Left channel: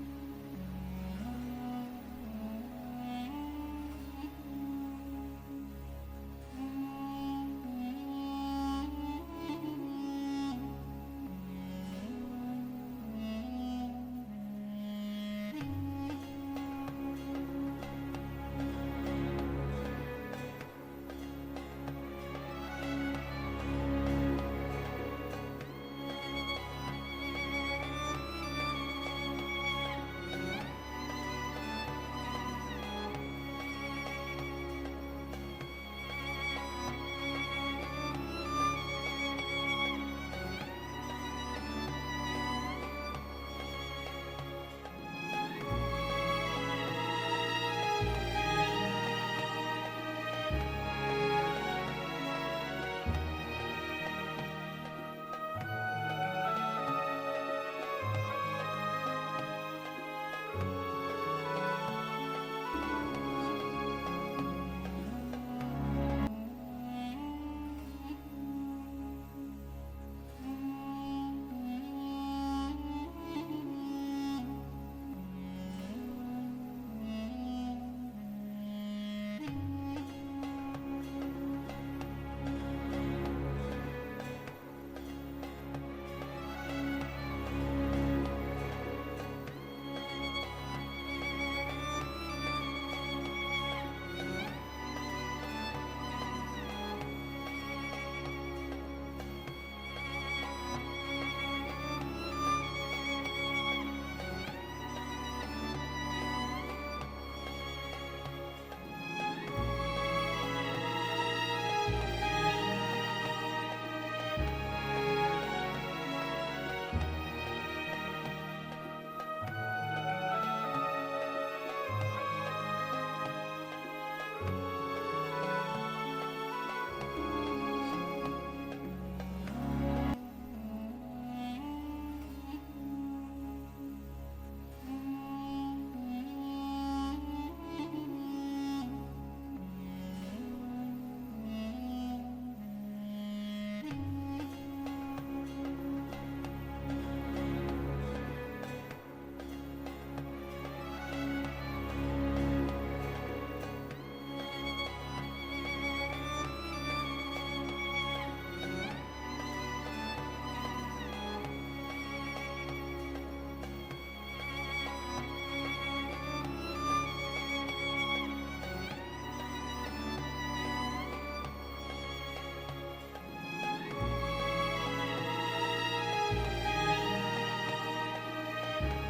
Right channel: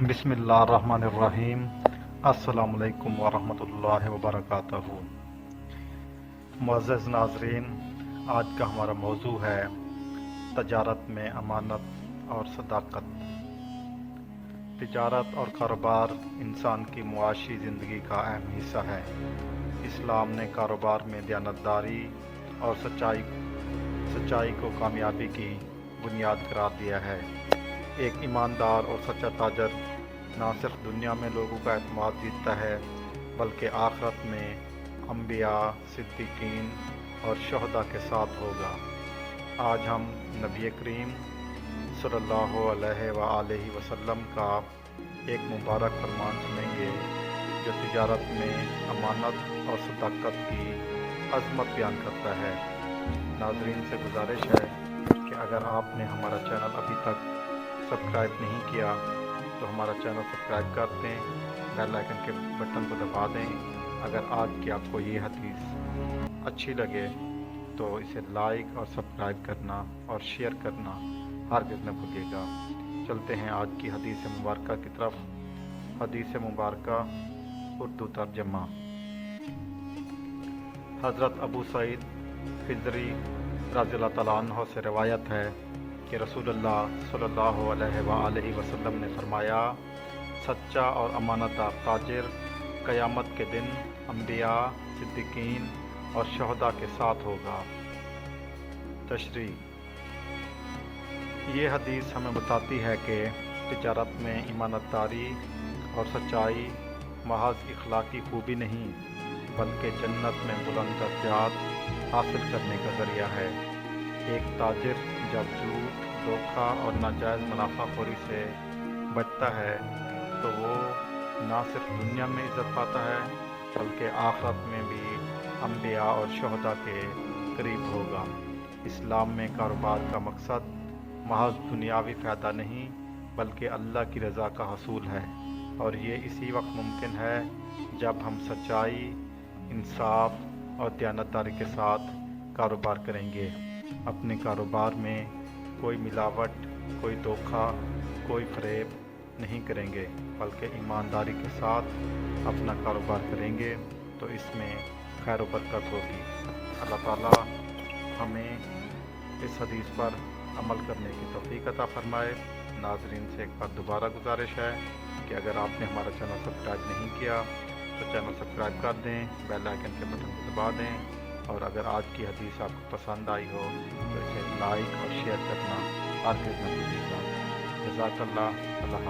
بسم اللہ الرحمن الرحیم۔ السلام علیکم ورحمۃ اللہ وبرکاتہ۔ معزز ناظرین، آج کا ہمارا موضوع ہے تجارت میں امانت اور صداقت۔ تجارت اور کاروبار انسان کی معاشی زندگی کا اہم حصہ ہے۔ اسلام نے کاروبار میں دیانتداری اور سچائی کو کامیابی کی بنیاد قرار دیا ہے۔ ایک ایماندار اور سچا تاجر نہ صرف دنیا میں لوگوں کا اعتماد جیتتا ہے بلکہ آخرت میں انبیاء، صدیقین اور شہداء کے ساتھ ہوگا۔ آج ہم نبی کریم صلی اللہ علیہ وآلہ وسلم کا ایک مبارک فرمان سنیں گے جو تجارت میں امانت اور صداقت کی عظمت بیان کرتا ہے۔ ناظرین سے گزارش ہے کہ اگر آپ نے ہمارا چینل ابھی تک سبسکرائب نہیں کیا تو ہمارا چینل سبسکرائب کر دیں، بیل آئکن کے بٹن کو دبا دیں۔ اگر آج کی آپ کو یہ حدیث اچھی لگے تو اسے لائک اور سبسکرائب کرنا اور شیئر کرنا ہرگز نہ بھولیے گا۔ چلتے ہیں آج کی حدیث مبارکہ کی طرف۔ حدیث مبارکہ اردو ترجمہ۔ حضرت ابو سعید خدری رضی اللہ تعالیٰ عنہ سے روایت ہے کہ رسول اللہ صلی اللہ علیہ وآلہ وسلم نے فرمایا، سچا اور امانت دار تاجر قیامت کے دن انبیاء، صدیقین اور شہداء کے ساتھ ہوگا۔ تشریح۔ یہ حدیث ہمیں بتاتی ہے کہ تجارت میں ایمانت داری اور سچائی محض اخلاقی خوبی نہیں بلکہ جنت میں بلند درجات حاصل کرنے کا ذریعہ ہے۔ ایک تاجر جب سود، دھوکہ اور ناجائز منافع خوری سے بچتا ہے تو وہ نہ صرف دنیا میں عزت پاتا ہے بلکہ آخرت میں بھی انبیاء اور شہداء کے قریب ہوگا۔ اسلام میں کاروبار کا مقصد محض دنیاوی فائدہ نہیں بلکہ اللہ کی رضا کا حصول ہے، اور یہ اسی وقت ممکن ہے جب ہم سچائی، انصاف اور دیانتداری کے ساتھ کاروبار کریں گے۔ اپنے کاروبار میں کوئی ملاوٹ، کوئی دھوکہ، کوئی فریب نہیں کریں گے بلکہ ایمانداری کے ساتھ اپنا کاروبار کریں گے تو اس میں خیر و برکت ہوگی۔ اللہ تعالیٰ ہمیں اس حدیث پر عمل کرنے کی توفیق عطا فرمائے۔ ناظرین سے ایک بار دوبارہ گزارش ہے کہ اگر آپ نے ہمارا چینل سبسکرائب نہیں کیا تو چینل سبسکرائب کر دیں، بیل آئکن کے بٹن کو دبا دیں، اور اگر آج کی حدیث آپ کو پسند آئی ہو تو اسے لائک اور شیئر کرنا ہرگز نہ بھولیے گا۔ جزاک اللہ۔ اللہ